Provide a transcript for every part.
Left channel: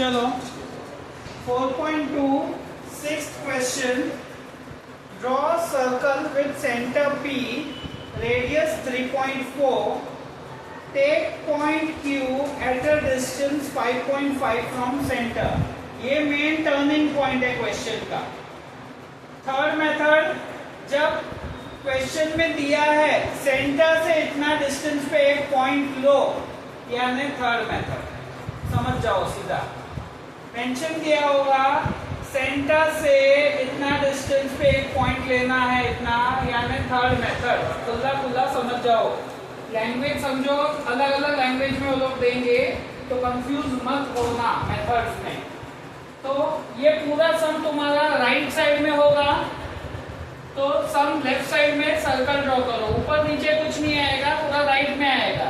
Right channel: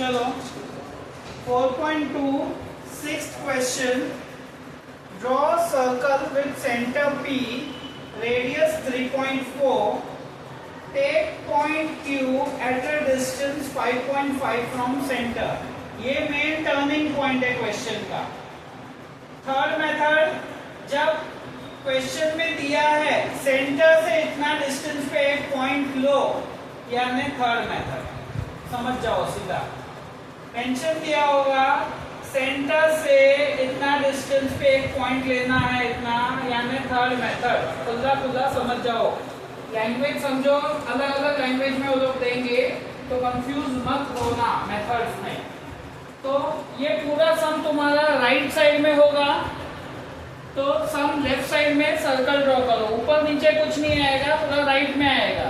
चलो 4.2 sixth question, draw circle with centre P, radius 3.4, take point Q at a distance 5.5 from centre. ये main turning point है question का। Third method, जब question में दिया है सेंटर से इतना डिस्टेंस पे एक पॉइंट लो, यानी थर्ड मेथड। समझ जाओ सीधा, मेंशन किया होगा सेंटर से इतना डिस्टेंस पे एक पॉइंट लेना है इतना, यानी थर्ड मेथड। खुला खुला समझ जाओ, लैंग्वेज समझो, अलग अलग लैंग्वेज में वो लोग देंगे तो कंफ्यूज मत होना मेथड्स में। तो ये पूरा सम तुम्हारा राइट साइड में होगा, तो सम लेफ्ट साइड में सर्कल ड्रॉ करो। ऊपर नीचे कुछ नहीं आएगा, पूरा राइट में आएगा।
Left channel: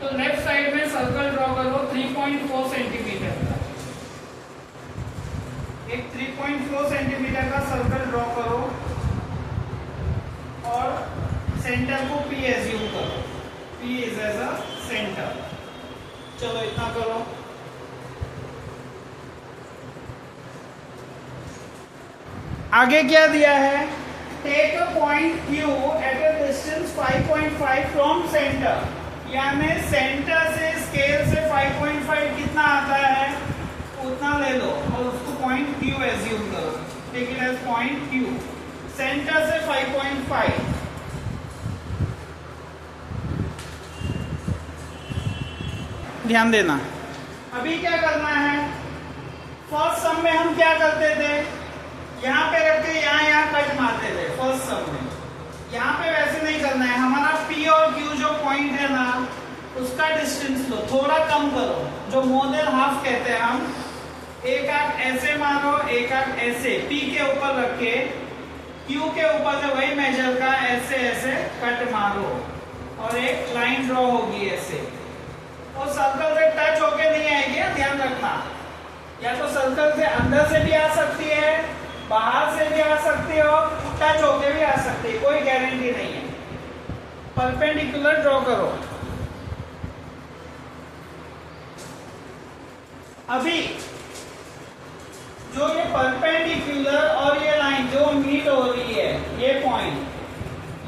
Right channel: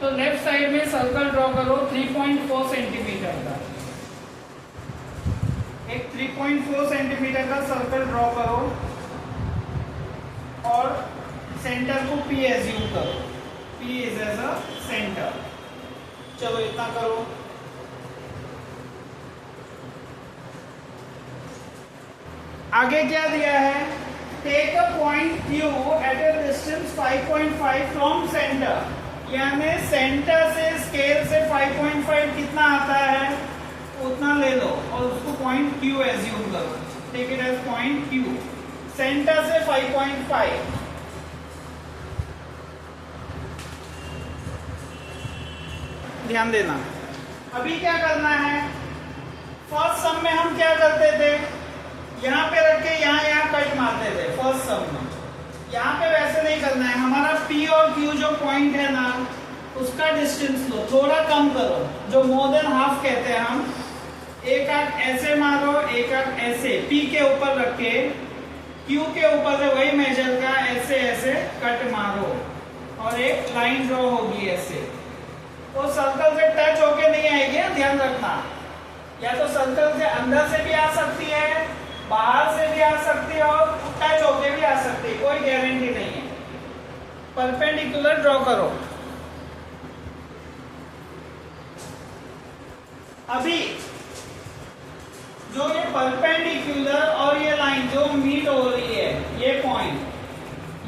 तो लेफ्ट साइड में सर्कल ड्रॉ करो 3.4 सेंटीमीटर का। एक 3.4 सेंटीमीटर का सर्कल ड्रॉ करो और सेंटर को P एज्यूम करो। P is as a centre. चलो इतना करो। आगे क्या दिया है, take a point Q at a distance 5.5 from centre, यानी सेंटर से स्केल से 5.5 कितना आता है उतना ले लो और उसको पॉइंट Q एज्यूम करो। Take it as point Q, centre से 5.5। ध्यान देना, अभी क्या करना है, फर्स्ट सम में हम क्या करते थे, यहाँ पे रख के यहाँ कट मारते थे फर्स्ट सम में। यहाँ पे वैसे नहीं करना है, हमारा P और Q जो पॉइंट है ना, उसका डिस्टेंस लो, थोड़ा कम करो, जो मोर देन हाफ कहते हैं हम। एक आंख ऐसे मारो, एक आंख ऐसे, P के ऊपर रख के Q के ऊपर से वही मेजर का ऐसे ऐसे कट मारो और एक लाइन ड्रॉ होगी ऐसे। और सर्कल से टच होके नहीं आएगी, ध्यान रखना। या तो सर्कल से अंदर से भी आ सकती है, बाहर से भी आ सकती है और टच होके भी आ सकती है, कोई गारंटी नहीं है। परपेंडिकुलर ड्रॉ करो। अभी जो ये परपेंडिकुलर और ये लाइन जो मीट हो रही है, ये पॉइंट,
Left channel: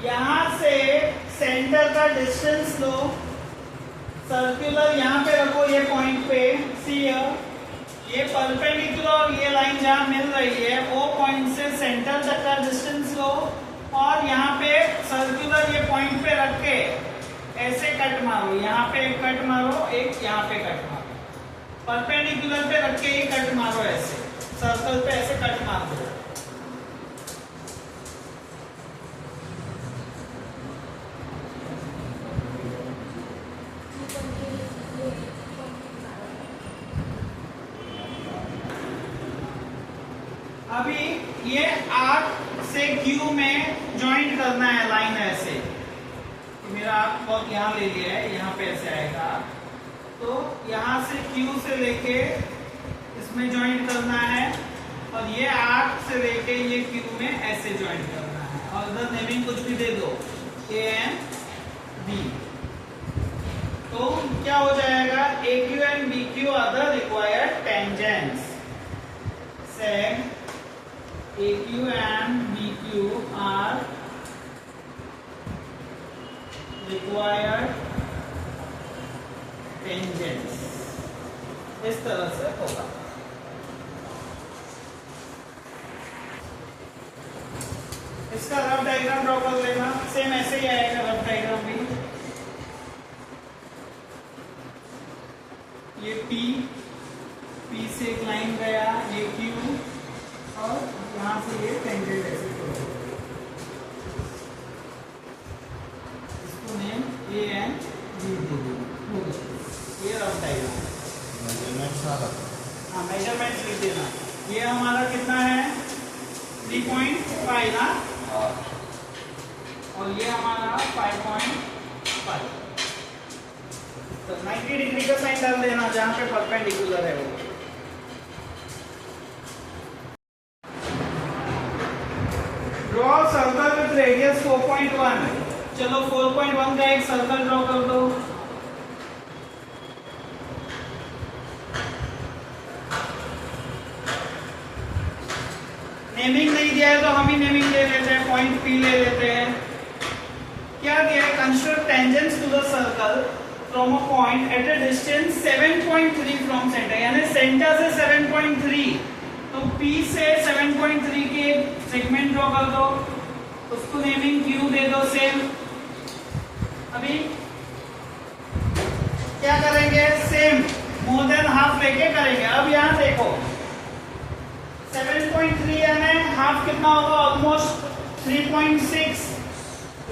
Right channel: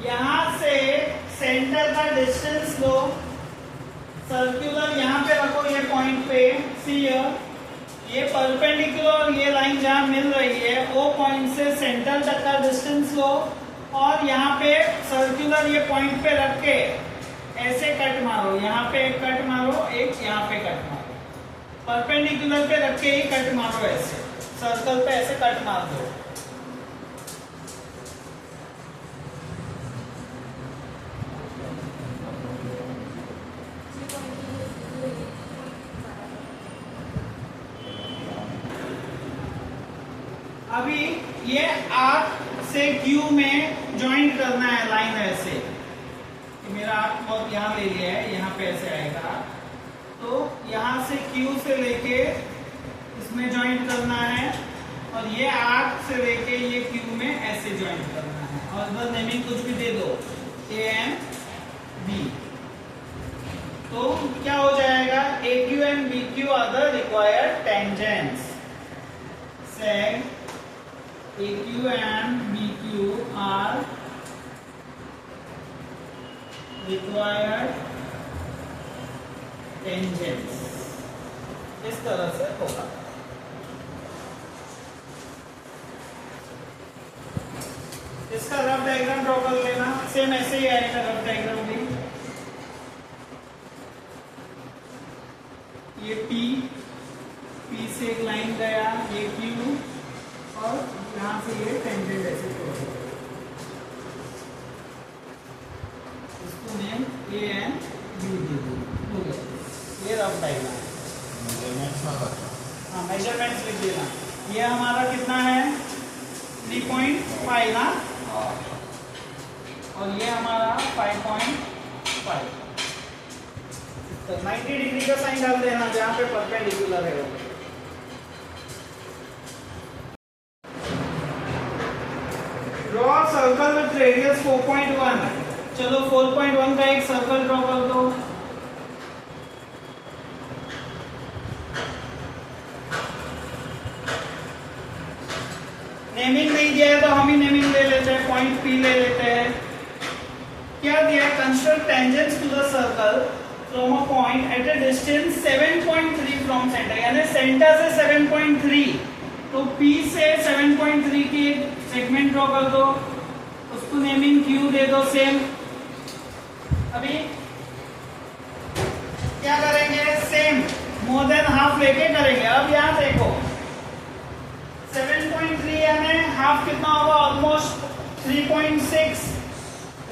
यहां से सेंटर का डिस्टेंस लो, सर्कुलर यहां पे रखो ये पॉइंट पे, सी ये परपेंडिकुलर और ये लाइन जहां मिल रही है वो पॉइंट से सेंटर तक का डिस्टेंस लो और यहाँ पे सर्कुलर ये पॉइंट पे रख के ऐसे कट मारो। यहाँ पे एक कट मारो, एक यहाँ पे कट मारो, परपेंडिकुलर पे रख के ये कट मारो, ऐसे सर्कल पे ऐसे कट मार दो। अभी ये आर्क से Q में ज्वाइंट करना है लाइन ऐसे। मेरा आर्क बहुत यहाँ ले लिया है, यहाँ पे ऐसे आएगा, तो यहाँ से Q से लेके इसमें ज्वाइंट करना है और ये आर्क से लेके ये Q में ऐसे ज्वाइंट करना है। और इधर नेमिंग कुछ भी दे दो, A एंड B। तो क्या हो जाएगा, AQ and BQ are the required tangents. Seg AQ and BQ are required tangents। इस तरह से होगा। इसका रफ डायग्राम ड्रॉ कर लेना, सेम ऐसे ही आएगा रफ डायग्राम भी। ये P से एक लाइन गया, ये Q और यहाँ से ये टेंजेंट ऐसे इसको नेम A एंड B दे दो। ये रफ डायग्राम, हाँ मेजरमेंट लिख देना। ये हमारा कितना है 3.5 ना, और ये हमारा 5.5। तो 90 डिग्री का साइन डाल देना जहाँ पे परपेंडिकुलर है वो। Draw circle with radius 4.1। चलो 4.1 का एक सर्कल ड्रॉ कर दो। नेमिंग नहीं दिया है तो हम ही नेमिंग ले लेते हैं, पॉइंट पी ले लेते हैं। क्या दिया है? Construct tangents to the circle from a point at a distance 7.3 from centre, यानी सेंटर से 7.3, तो P से 7.3 की एक सेगमेंट ड्रॉ कर दो, उसको नेमिंग Q दे दो सेम। अभी क्या करेंगे? सेम मोर देन हाफ लेके करेंगे। अब यहाँ देखो 7.3 यानी हाफ कितना होगा? ऑलमोस्ट 3.6,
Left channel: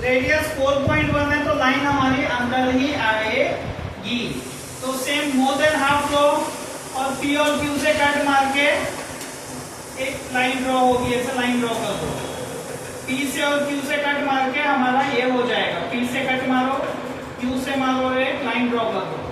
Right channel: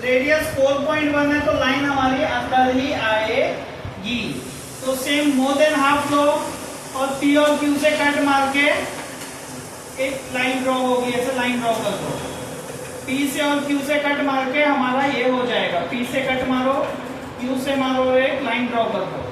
रेडियस 4.1 है, तो लाइन हमारी अंदर ही आएगी। तो सेम मोर देन हाफ लो और P और Q से कट मार के एक लाइन ड्रॉ होगी, ऐसे लाइन ड्रॉ कर दो। P से और Q से कट मार के हमारा ये हो जाएगा, P से कट मारो, Q से मारो, एक लाइन ड्रॉ कर दो।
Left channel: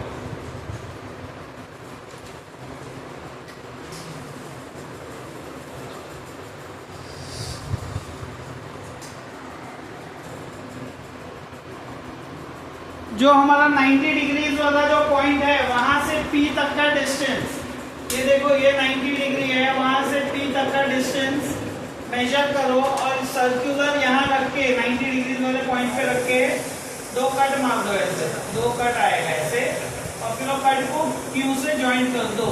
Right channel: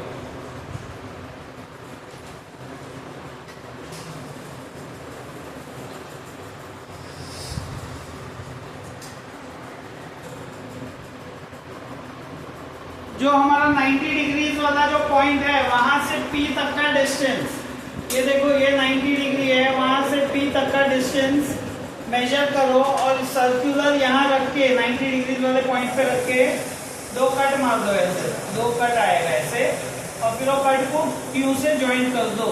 जो हमारा 90 डिग्रीज वाला जो पॉइंट है वहां से P तक का डिस्टेंस, ये देखो ये 90 डिग्री है, वहां से P तक का डिस्टेंस मेजर करो और सर्कुलर यहाँ रख के 90 डिग्री वाले पॉइंट पे रख के दो कट मार दो, ऐसे दो कट आएगा ऐसे, और फिर वो कट को Q से ज्वाइन कर दो।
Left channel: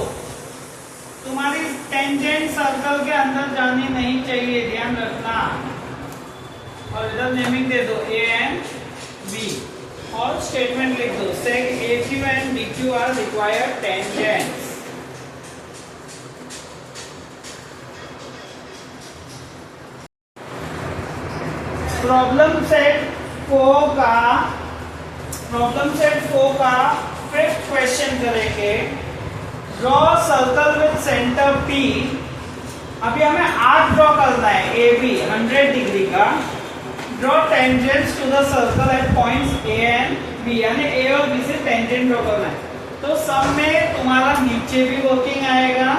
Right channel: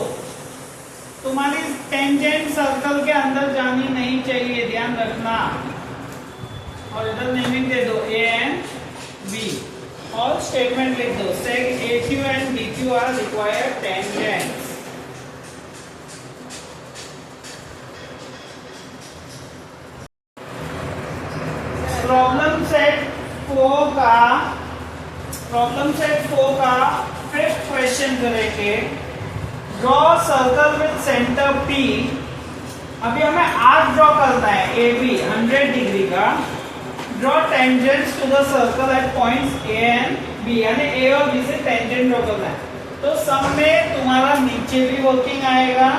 तुम्हारी टेंजेंट सर्कल के अंदर जानी नहीं चाहिए, ध्यान रखना। और इधर नेमिंग दे दो A and B और स्टेटमेंट लिख दो, seg AQ and BQ are required tangents. Problem set 4 का फिफ्थ क्वेश्चन करेंगे। Draw circle with centre P। अभी हमें आर्क ड्रॉ करना है AB 100 डिग्री का। Draw tangents to the circle at points A and B, यानी A और B से टेंजेंट ड्रॉ करना है। तो सब में तुम्हारा नीचे भी वर्किंग आएगा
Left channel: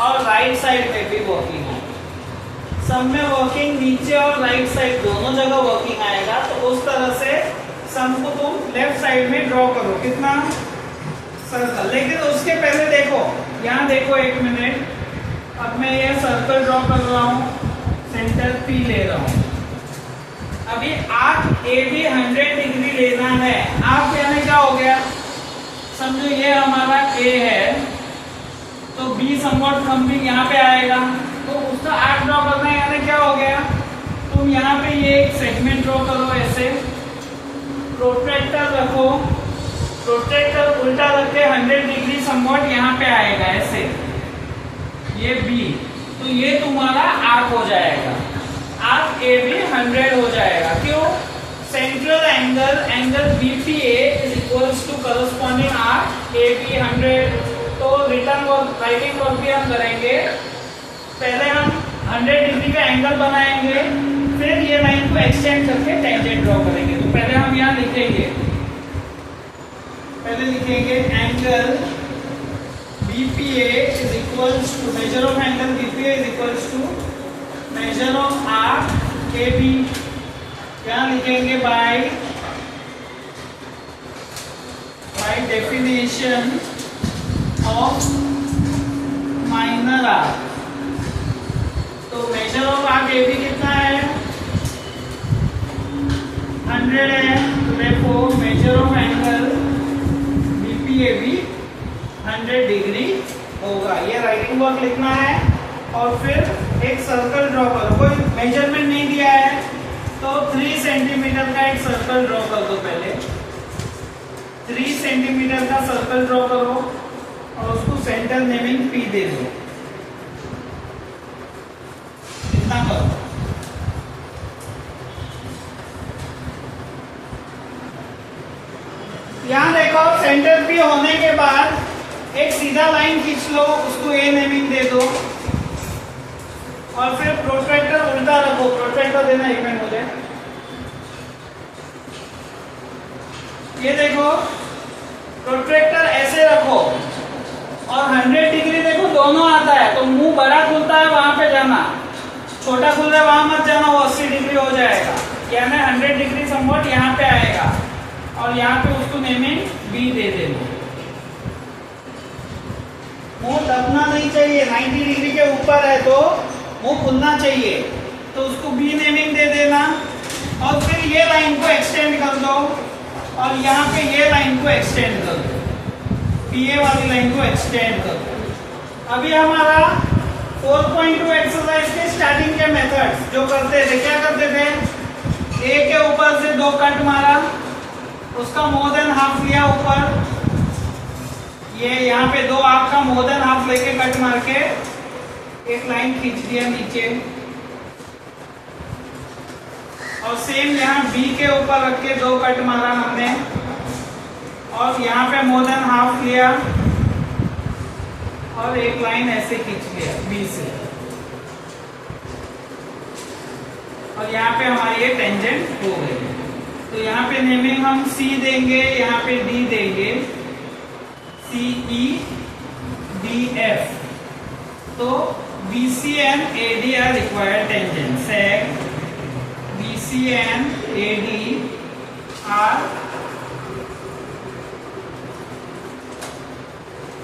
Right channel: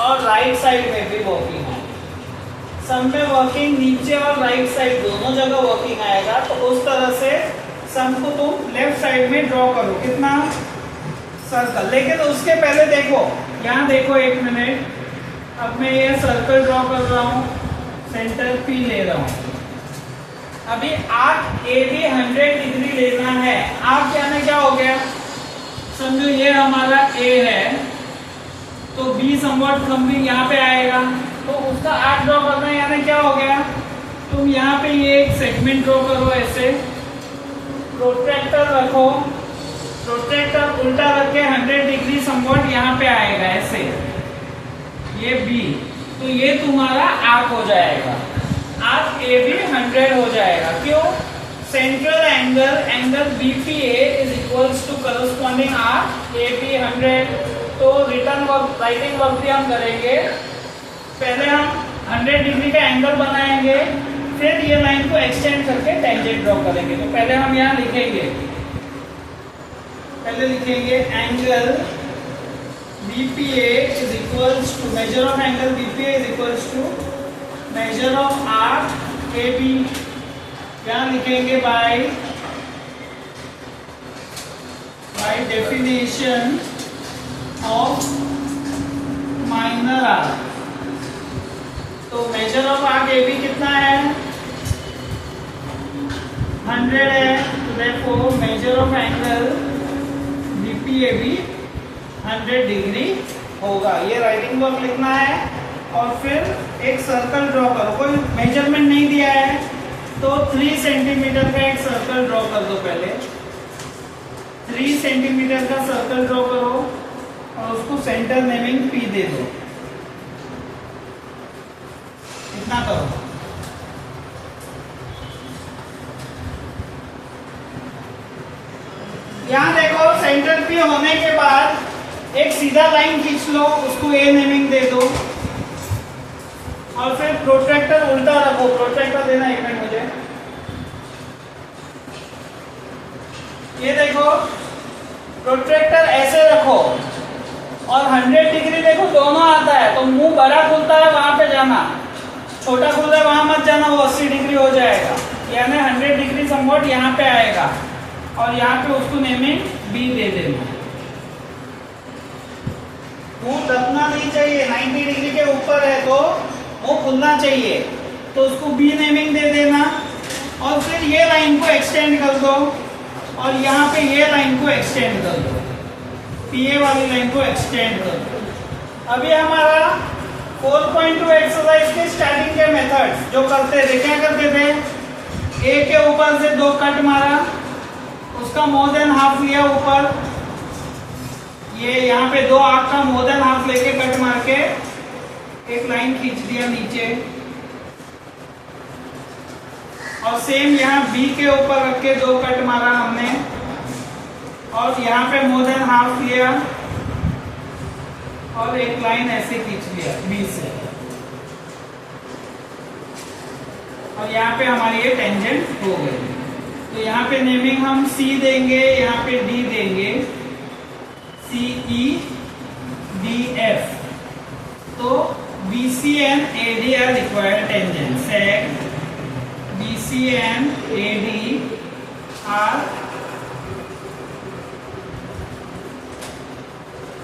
और राइट साइड में भी वर्किंग आएगा। सब में वर्किंग नीचे और राइट साइड दोनों जगह वर्किंग आएगा। तो उस तरह से सम को तुम लेफ्ट साइड में ड्रॉ करो, कितना? सर्कल। लेकिन उसके पहले देखो, यहाँ देखो एक मिनट, अब मैं ये सर्कल ड्रॉ कर रहा हूँ, सेंटर P ले रहा हूँ। अभी आर्क AB 100 डिग्री लेना है। आर्क यानी क्या हो गया? समझो ये हमारा A है, तो B समवॉट कमिंग यहाँ पे आएगा, तो उसका आर्क ड्रॉ करना है, यानी क्या हो गया? तुम यहाँ पे ये एक सेगमेंट ड्रॉ करो ऐसे, प्रोट्रैक्टर रखो, प्रोट्रैक्टर उल्टा रख के 100 डिग्री समवॉट यहाँ पे आएगा ऐसे, ये B, तो ये तुम्हारा आर्क हो जाएगा। आर्क AB 100 हो जाएगा। क्यों? Central angle BPA is equals to corresponding arc AB 100। तो रिटर्न वर्क, राइटिंग वर्क भी हम करेंगे। पहले हम 100 डिग्री का एंगल बनाएंगे, फिर ये लाइन को एक्सटेंड करके टेंजेंट ड्रॉ करेंगे। तो पहले हम यहाँ लिखेंगे, angle BPA is equals to, measure of angle BPA is equals to measure of arc AB। यहाँ लिखेंगे by definition of minor arc. तो मेजर ऑफ आर्क AB कितना है? 100 है, तो देखो मेजर ऑफ एंगल BPA भी 100 डिग्री होगा। ये राइटिंग वर्क लिखना है और फिर एक सर्कल ड्रॉ करो। कोई मेजरमेंट नहीं दिया है तो 3 सेंटीमीटर का एक सर्कल ड्रॉ कर दो। पहले 3 सेंटीमीटर का सर्कल ड्रॉ करो और उसको सेंटर नेमिंग P दे दो। इतना करो। यहां देखो सेंटर P होने के बाद एक सीधा लाइन खींच लो, उसको A नेमिंग दे दो और फिर प्रोट्रैक्टर उल्टा रखो। प्रोट्रैक्टर देना एक मिनट मुझे। ये देखो प्रोट्रैक्टर ऐसे रखो और 100 डिग्री देखो दोनों आता है, तो मुंह बड़ा खुलता है वहां पे जाना, छोटा खुल रहा है वहां मत जाना, वो 80 डिग्री हो जाएगा। यानी 100 डिग्री समवॉट यहाँ पे आएगा और यहाँ पे उसको नेमिंग B दे देना। मुंह दबना नहीं चाहिए, 90 डिग्री के ऊपर है तो वो खुलना चाहिए, तो उसको बी नेमिंग दे देना और फिर ये लाइन को एक्सटेंड कर दो और यहाँ पे ये लाइन को एक्सटेंड कर दो, पीए वाली लाइन को एक्सटेंड कर दो। अभी हमारा 4.2 एक्सरसाइज की स्टार्टिंग के मेथड्स जो करते थे, क्या करते थे, ए के ऊपर से 2 कट मारा, उसका मोर देन हाफ लिया ऊपर, ये यहाँ पे 2 आर्क का मोर देन हाफ लेके कट मार के एक लाइन खींच दिया नीचे, और सेम यहाँ बी के ऊपर रख के 2 कट मारा हमने और यहाँ पे मोर देन हाफ लिया और एक लाइन ऐसे खींच लिया बी से, और यहाँ पे हमारी ये टेंजेंट हो गई। तो यहाँ पे नेमिंग हम सी देंगे, यहाँ पे डी देंगे, सी ई डी एफ। तो BC and AD are required tangents. Sec BC and AD are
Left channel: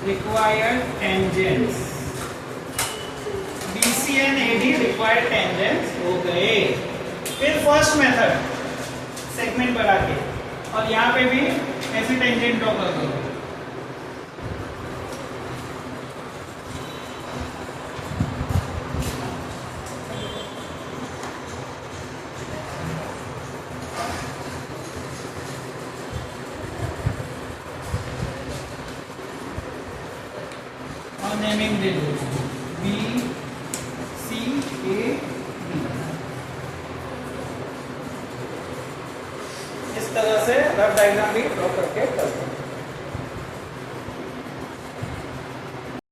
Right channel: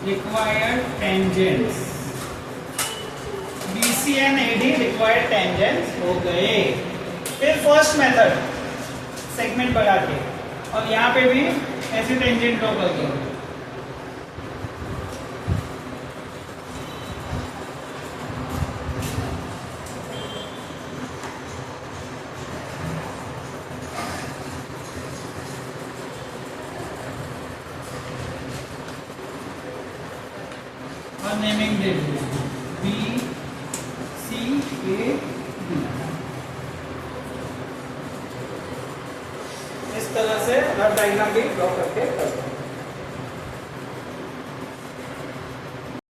required tangents. BC and AD required tangents हो गए। फिर फर्स्ट मेथड सेगमेंट बढ़ा के, और यहाँ पे भी ऐसे टेंजेंट ड्रॉ कर दो। और नेमिंग दे दो बी सी ए डी। इस तरह से रफ डायग्राम भी ड्रॉ करके कर